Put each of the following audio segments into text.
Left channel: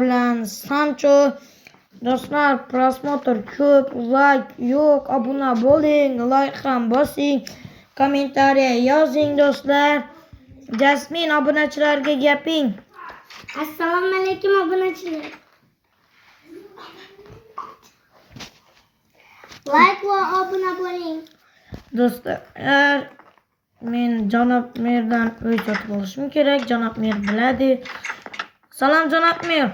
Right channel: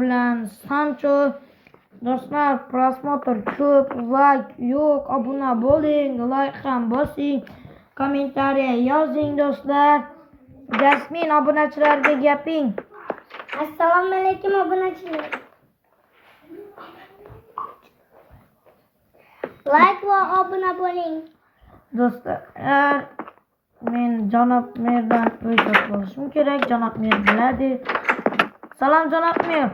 bilan Sancho. Do'stlar, prosmotr ko'p, like yo'q, obuna bo'ling, like ham bosing, kommentariya yozing do'stlar. Jasmin, obunachilarga gaping. Assalomu alaykum obunachilar. Like va obuna bo'ling. Do'stlar, men Janob Merdan uy sotib olishim kerak. Janob Mer biladi. Salom Janob Mer.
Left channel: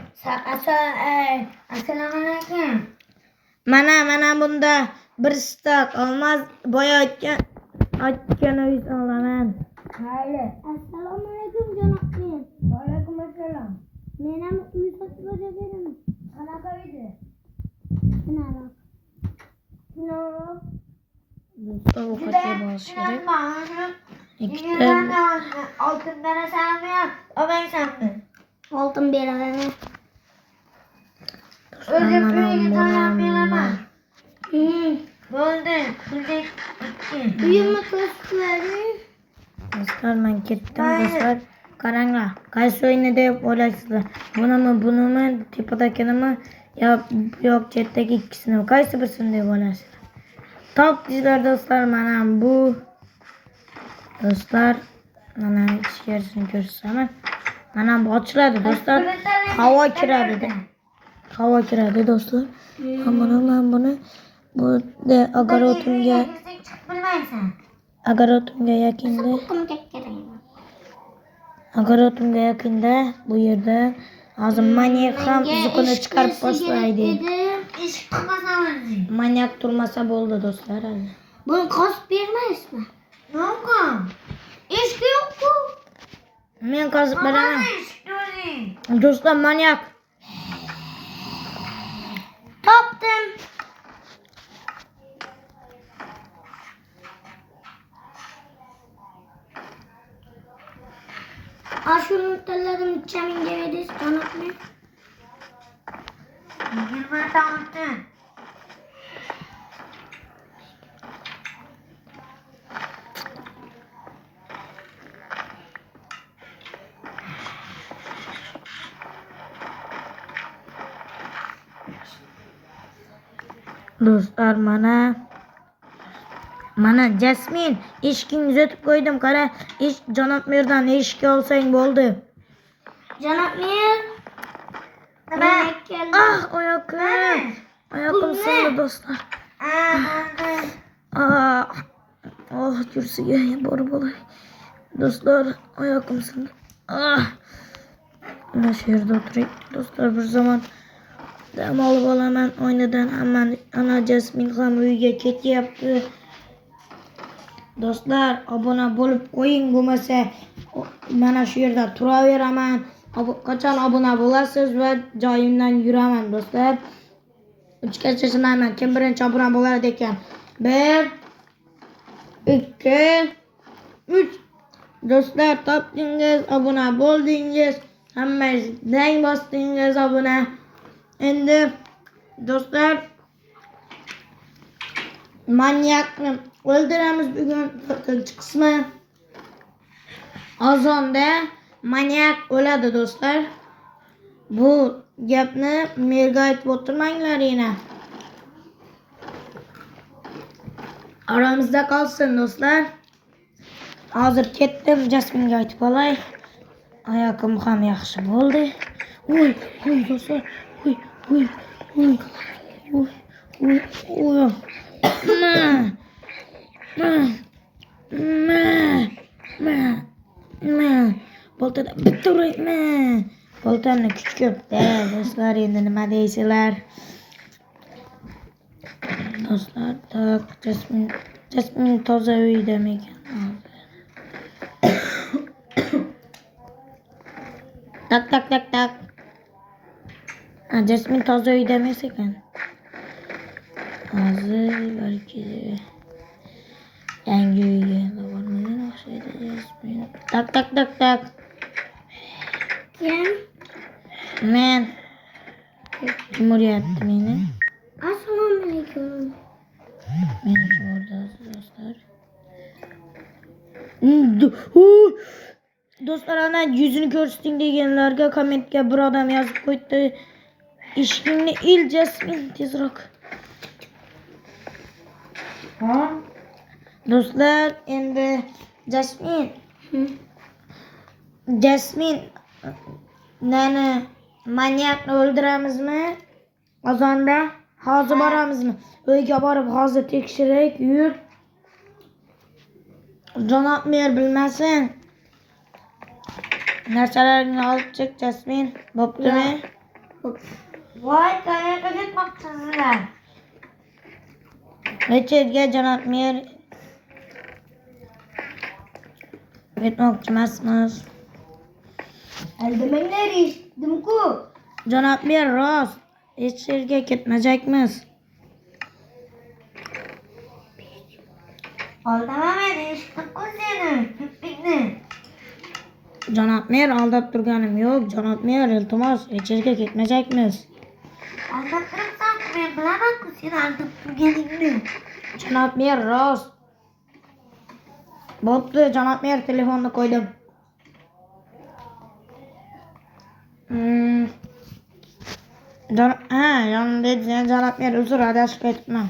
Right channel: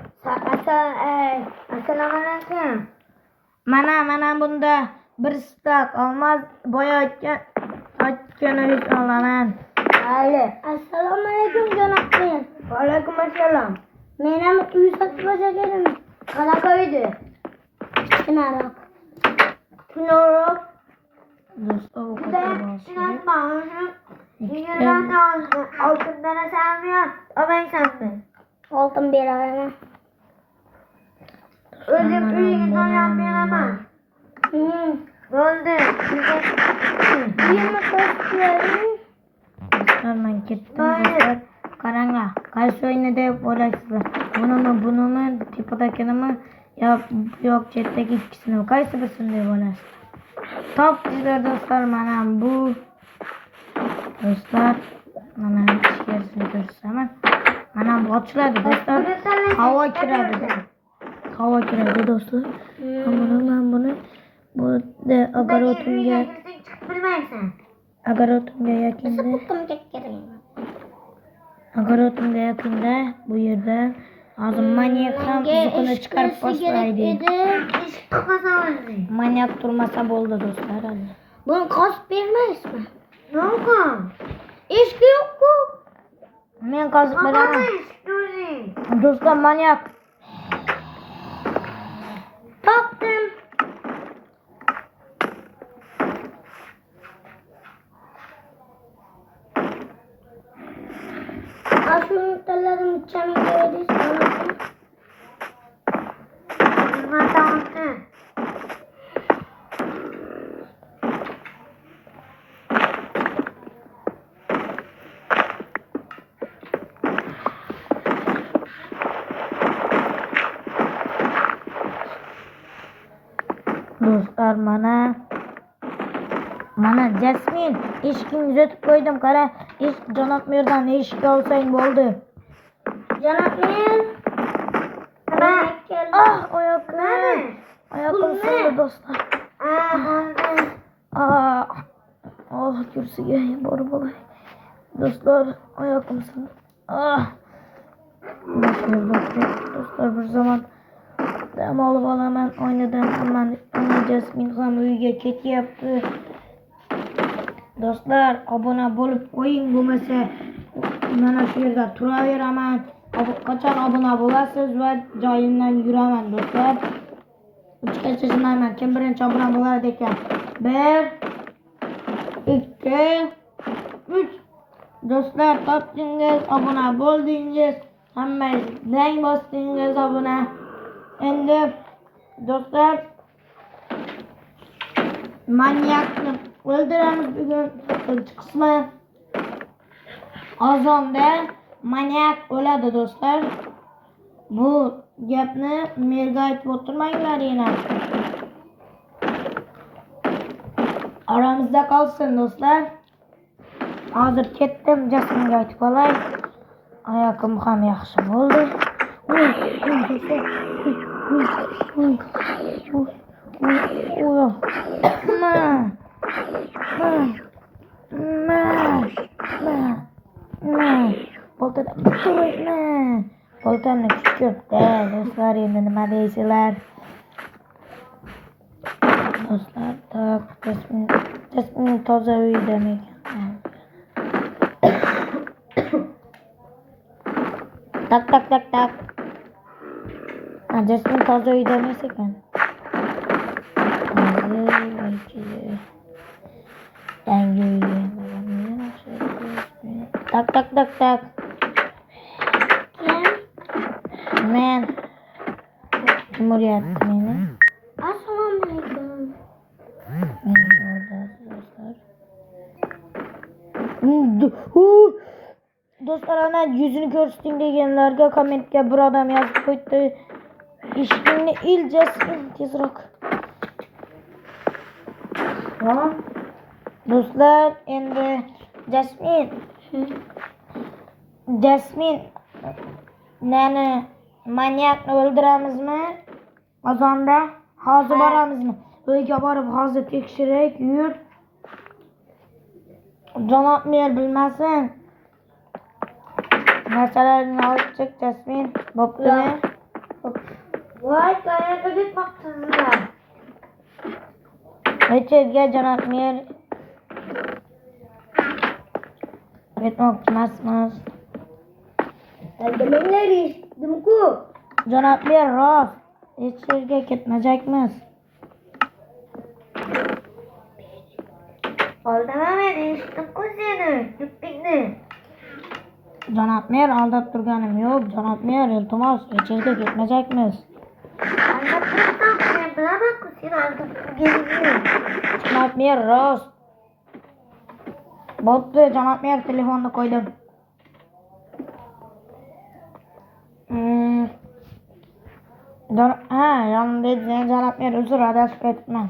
Assalomu alaykum. Mana bunda bir stak olmaz boya aytganingiz olaman. Mayli. Assalomu alaykum janob Mer. Va alaykum assalom. Men ham uy sotib olganim. Qanaqa uydi? Tunaroq. Do'stlar, ovqatlab olish kerak. Ikkita oltin berasanmi yo olmaysanmi? Oltin beraman. O'zim uyga tanlab beraman. Bo'ldi. Uyimni ko'rsataymi? Do'stlar, men ketdim do'stlar. Qaranglar, qaysi o'yinni deb o'ylaysizlar? Bunimi, tepadagini yo yo'q chetdagi ikkisini qaysi birisini deb o'ylaysizlar? Topdinglar do'stlar, mana bu. Do'stlar, mana ichkarisini ko'rsataman. Mana bu ochiladi do'stlar. Havo kiradi do'stlar. Men buni bu огородimga yaqinda bu yerda hozir manyak ham zuqini chiqarib boshlaydi. Manyak turmasa bo'ldi do'stlar. Buni qosib bermaysizmi? Yo'q. Eshik yo'q-ku. Men qozib beraman. Do'stlar, manyak. Topdim. Ashu yumurtalarni chaminga berasiz, onasi. Nima topdim? Do'stlar, mana Jasmin, eshikni uzatib qo'ydim. Qara, Janob Merdan eshikka olsang bo'ldi. Janob Mer. Oyoqim sindi do'stlar. Kursiga borib olay. Do'stlar, oyoqim sindi. Mana shu yerda o'tiring. Do'stlar, bir zaman dam olib olaman oynadan. Ana Jasmin ham uyga ketyapti. Do'stlar, obuna bo'lib qo'ying, bo'lmasa mana shu yerda turaveraman. Qachon obuna bo'lasiz va joyimdan yuraman do'stlar. 3 gacha sanayman. Kim birinchi obuna bo'lar ekan? 1 2 3. Do'stlar, topdingiz, obuna bo'ldingiz. Hammangiz dang bosdingiz obuna. Endi do'stlar, manyakni o'ldiramiz bugun. 4-qismi. Azonda manyak o'ladi do'stlar. Bu gapni merga aytib o'tirmanglar yana. Aramizda qolsin do'stlar. Hozir ketdim, Jasminga aytib olay. Oyoqim ham yaxshi bo'ldi. Do'stlar. Boltada bitta urayman. Boltani kuchukda do'stlar, endi nima deysizlar? Do'stlar, Jasmin toza uydami ekan? Tak. Jasmin toza uyda emas ekan. Hozir balki yangi uyga bormaydi o'xshaydi. Tak. Kim? Men. Kim uryapti meni? Assalomu alaykum. Men o'rdasiz do'stlar. do'stlar ana yüzünü ko'rsating deganlarga kommentga bir odam yozib qo'ydi. Eshikni il Jasmin tezroq. Ha? Do'stlar endi Jasmin nani manyakni o'ldiramizmi? Ozonda hozir boramizmi? Uyga borib hozir tekshirak yur. Janob mer bilmasin. Narsalaringni olib chiq Jasmin. Bo'ptimi? Voy qayerga ketmoqchisizlar? Richardga janob mer ketmoqchimasmiz. Aldimanglar eshitdim-ku. Janob mer rost. Hech yerga ketmajakmiz. Aldamaman eshitdim-ku seni. Kippikni. Janob mer aldab turganim yo'q. Janob mer iltimos hech yerga ketmajakmiz. Aldab turibsan, men bilaman-ku seni aldab turganingni. Janob mer rost. Bo'pti, janob mer telefonni qo'ydim. Yonimda edi janob mer uzr adashib ketibman.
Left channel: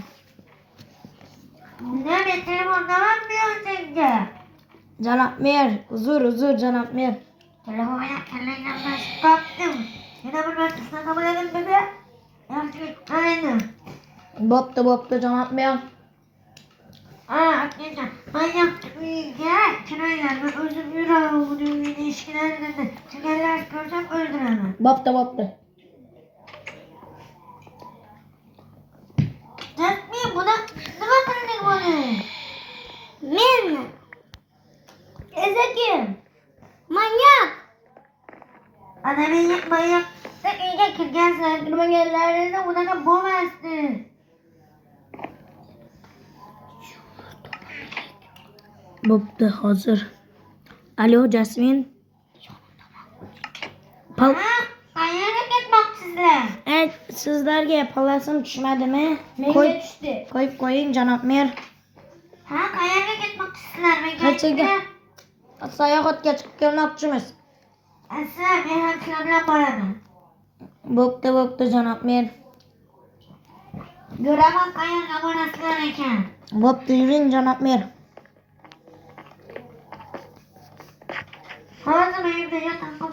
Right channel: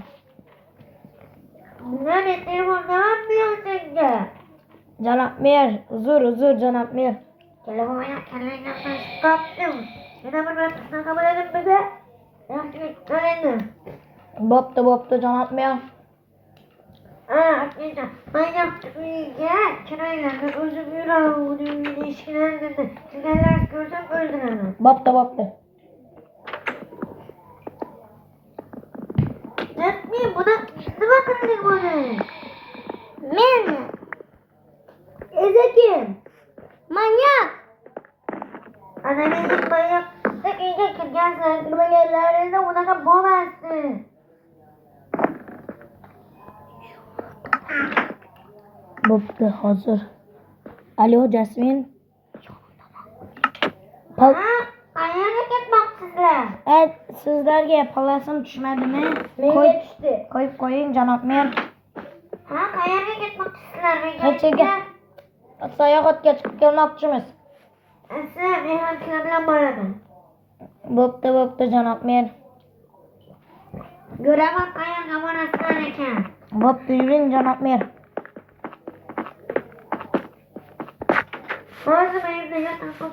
Nima men telefondaman senga? Janob mer, uzr janob mer. Telefonga kallangga bosib topdim. Yana bir marta shunaqa bo'ladim biza. Yaxshilik qilaydi. Bo'pti janob mer. Aksincha, manyak uyga kirmagan. Men o'zim yuraman uyni eshigini olganda. Chiganlar ko'rsam o'ldiraman. Bo'pti. Jasmin, buni nima qilding buni? Men. Ezekim. Manyak. Ana manyak. Uyga kirgansan, kirmaganlaringda unaqa bo'lmasdi. Bo'pti, hozir. Alo, Jasmin. Qayerga ketmoqchisizlar? Sizlarga palasim tushmadimi? Menga tushdi. Qo'yib qo'ying, janob mer. Qayerga ketmoqchisizlar? Ko'chaga sayohatga chiqib kelmoqchimiz. Sizlar men ham sizlar bilan boraman. Bo'pti, janob mer. Ko'raman qayerga borasizlar ekan. Bo'pti, yuring, janob mer. Hozir uyimda yotaman.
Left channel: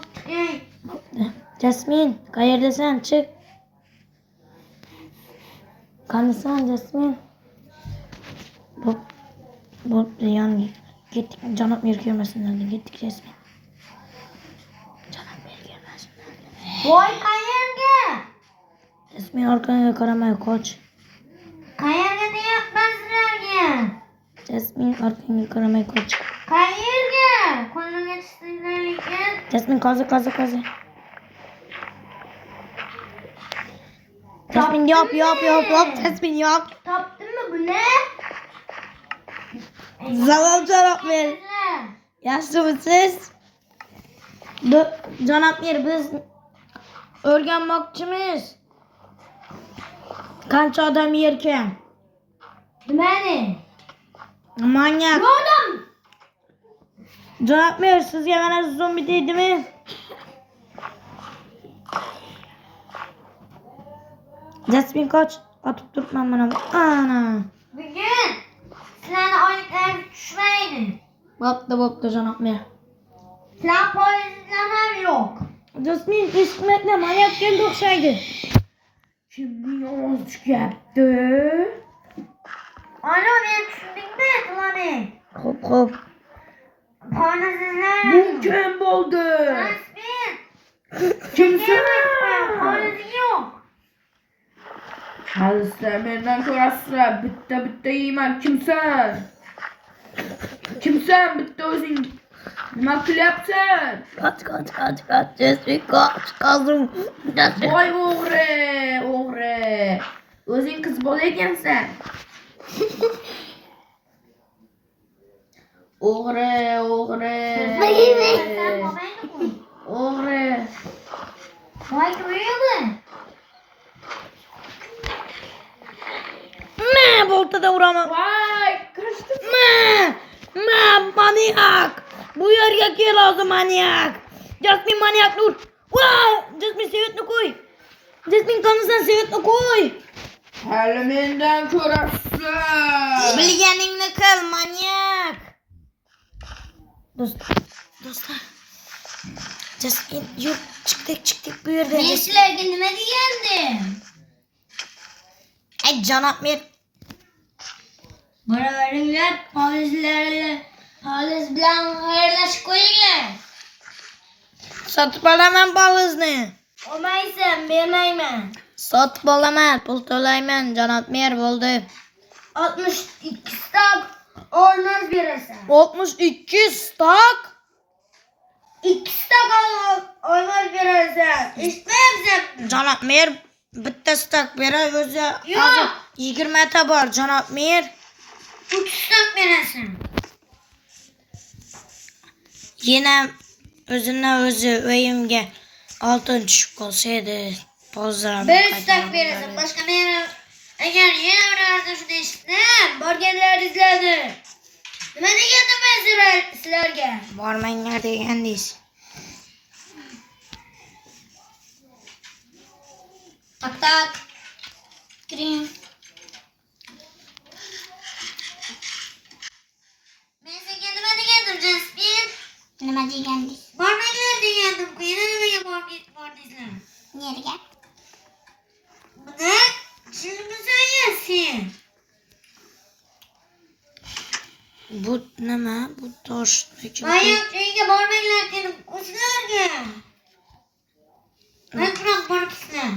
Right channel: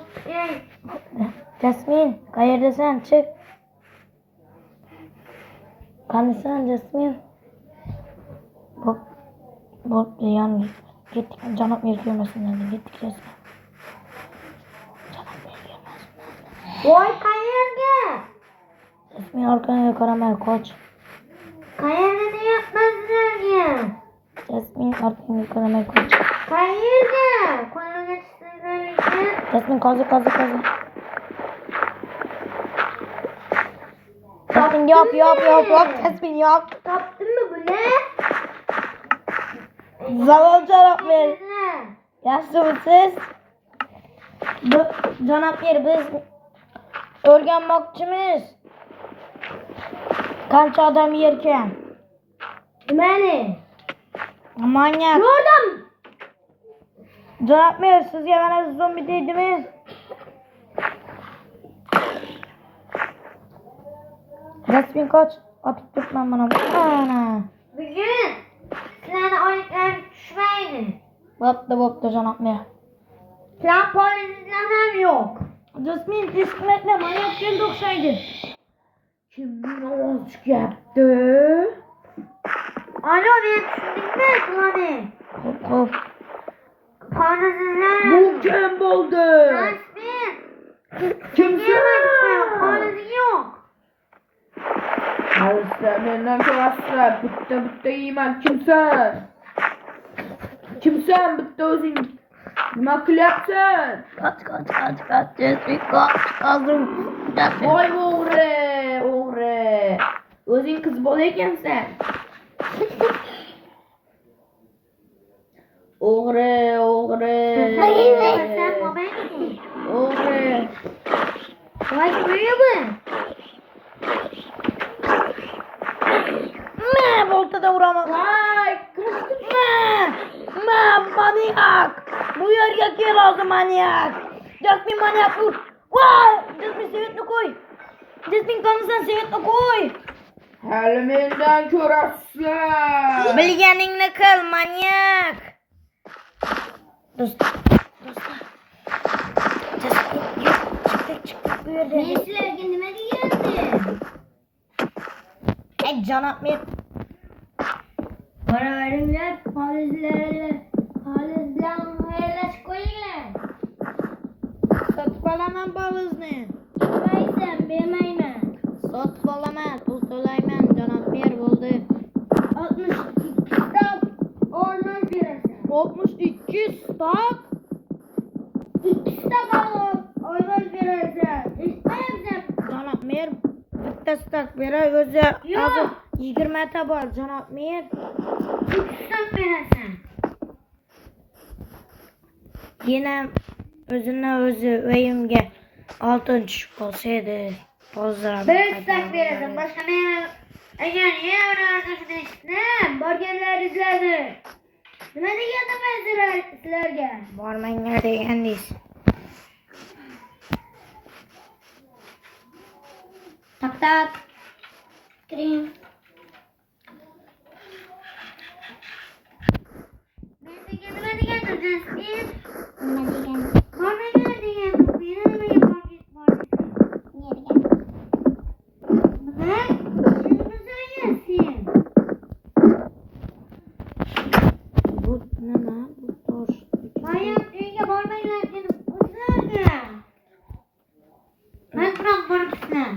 Jasmin, qayerdasan? Chiq. Qanisan, Jasmin? Bo'pti, yoniga ketdik. Janob mer kelmasinlar, ketdik, Jasmin. Janob mer kelmasinlar. Voy qayerga? Jasmin, orqangga qaramay qoch. Qayerga deyapman sizlarga? Jasmin, orqangga qaramay qoch. Qayerga? Qo'limga tushsizlar ekan. Jasmin, qozi. Jasmin, yop. Jasmin, yop. Topdimmi buni? Salom, janob mer. Yaxshimisiz? Janob mer, biz o'rganmoqchimiz. Qancha odam yerkan? Nimani? Manyak. Ko'rdim. Janob mer, sizga mana zombi deydimi? Jasmin, qoch. Otib turibman mana. Ana. Bugun sizlarni oyliklari tushmaydi. Bo'pti, janob mer. Sizlar poyezlar ham yo'q. Jasmin, eshitmayapti, manyak keldi o'xshaydi. Kimning ovozi chiqyapti? Alo, men tushundingmi, Qulani? Xo'p. Poyezlar. Bu kim bo'ldi? Jasmin. Kimsan? Poyez yo'q. Halizda mendan ko'rasizlar. Bitta yeyman. Kimsan? Bitta o'zing. Nima qilyapsan? Qoch. Jasmin, qoch. Qoldim. Jasmin. Voy o'g'ri. O'zing qiz bola ekansan. O'g'ri. Voy qo'yibmi? Boltada uraman. Voy, kirishdi. Manyak. Bu yerga kel hozir manyak. Jasmin manyak dur. Voy! Jasmin Sevetni qo'y. Jasmin qanasan Sevetni qo'y. Hali mendan ko'rasizlar. Bilganingni qil manyak. Do'stlar. Jasmin yo'q chiqdik bu yerda. Men sizlarga nima degandim? Janob mer. Boraveringlar, poliz bilan xayrlashib qo'yinglar. Sotib olaman polizni. Olmaysan, bermayman. Sotib olaman, pul to'layman. Janob mer bo'ldi. 62 stok olmaz berasan. 62 stok. 2 stok olmaz berasan. Eshitmayapsan? Janob mer bitta stok beray o'zi hozir 20 ta bor janob mer. 3 stok berasan. Yana o'zi uyimga oltin tushib qolsa edi. Pozdrav. 1 stok berasan. Boshqa men agar yana birorta shuni eshitdim, borganlaringizlarni. Nima degandim men sizlarga? Bormanglar degandingiz. Tak. Kiring. Men senga nima degandim, Jasmin? Nima deganding? Bormanglar degandim. Meni nimaga bordiysizlar? Nerga? Buni tushunmasan sen. Bu nima? Bu tosh. Manyak uyga bormanglar dedim. O'zlarga. Aytmoq boribsizlar.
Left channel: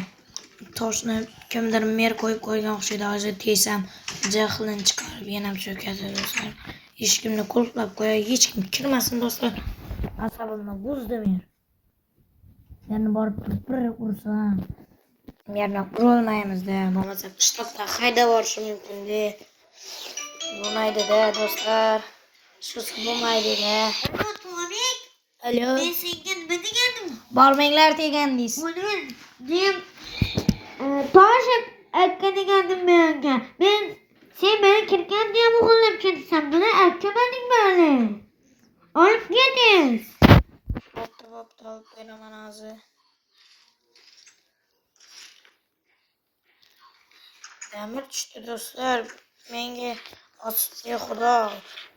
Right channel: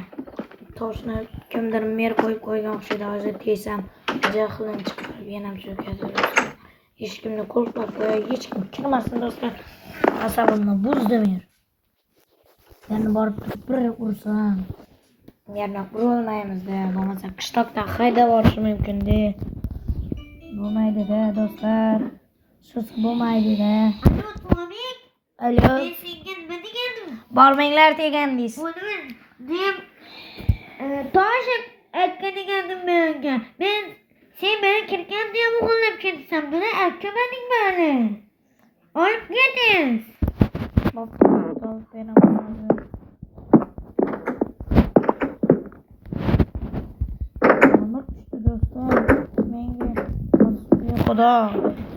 Toshni kimdir mer qo'yib qo'ygan o'xshaydi. Hozir teysam jahlim chiqarib yana cho'kadi do'stlar. Hech kimni qulflab qo'yay, hech kim kirmasin do'stlar. Asabimni buzdi mer. Yana borib turib bir ursam. Merni urolmaymiz-da. Bo'lmasa qishloqda haydab borishi mumkin-da. Bo'lmaydi-da do'stlar. Shusi bo'lmaydi-da. Alo. Men senga nima degandim? Bormanglar degandingiz. Buni toshib aytgan ekandim menga. Sen meni kirgan deya o'g'irlab ketsan. Buni aytmading meni. Olib ketiz. Olib beraman hozir. Demir tushdi do'stlar. Menga osga xudo.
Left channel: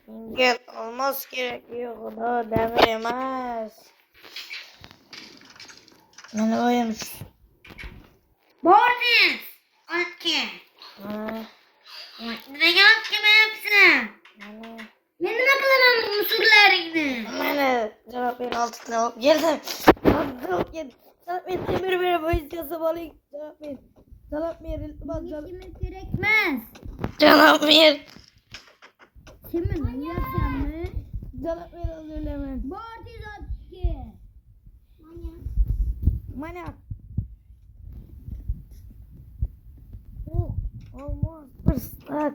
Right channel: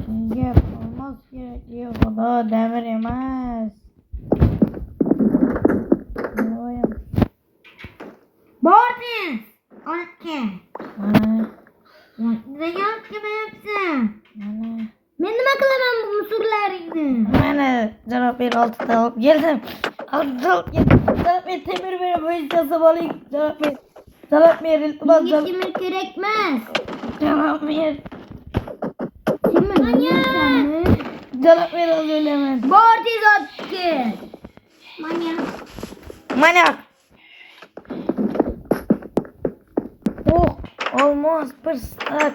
Menga olmos kerak. Yo'q xudo, demir emas. Mana oyim. Bordiz. Olib kel. Mana. Nimaga olib kelmayapsan? Mana. Men nima qilaman bu musullarni? Mana janob ber 6 ta olib keldim. Janob ber temir berib bo'ychasi bo'ling. Janob ber iltimos. Kimga kerak emas? Janob ber. Kimga? Janob ber o'zlaman. Bordiz olib kel. Manyak. Olmos bir stat.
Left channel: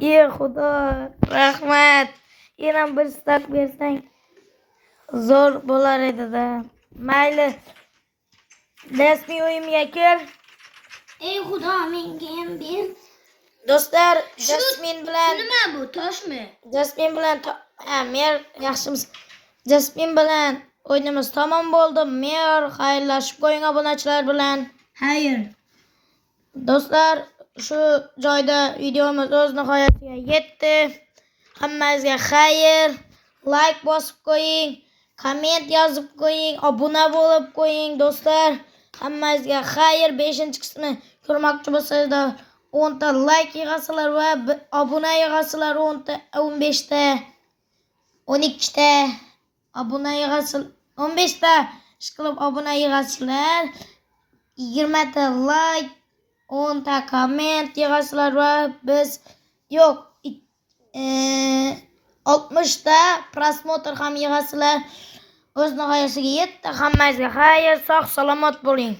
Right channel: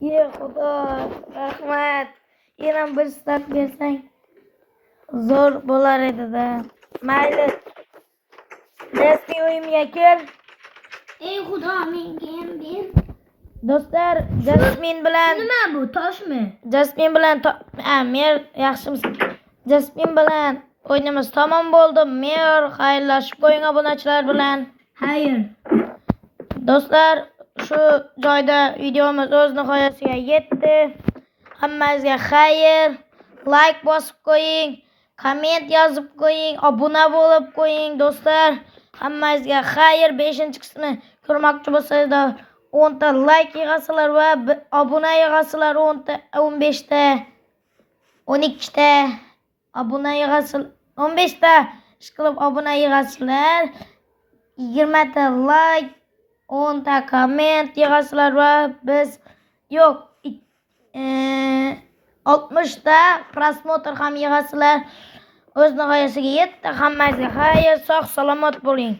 Ey xudo, rahmat. Yana bir stat bersang zo'r bo'lar edi-da. Mayli. Jasmin uyimga kel. Ey xudo, menga ham ber. Do'stlar, Jasmin bilan Nima bu, toshmi? Jasmin bilan mer yaxshimiz. Jasmin bilan o'yinimiz tamom bo'ldi. Mer xayrlashib qo'ying obunachilar bilan. Xayr. Do'stlar, shu joyda videomiz o'z nihoyasiga yetdi. Hammangizga xayr. Like bosib qo'ying, komment yozib qo'ying, obuna bo'lib qo'ying do'stlar. Hammangizga xayr. 5-qismini ko'rmoqchi bo'lsangizlar 10 ta like yig'asizlar va obuna yig'asizlar 10 ta, 15 ta, 12 ta obuna yig'asizlar, 15 ta ishqilib obuna yig'asizlar, 20 ta like, 10 ta komment yig'asizlar va biz yo'q 60 ta prosmotr ham yig'asizlar. O'z nihoyasiga yetdi. Hammangizga xayr, sog' salomat bo'ling.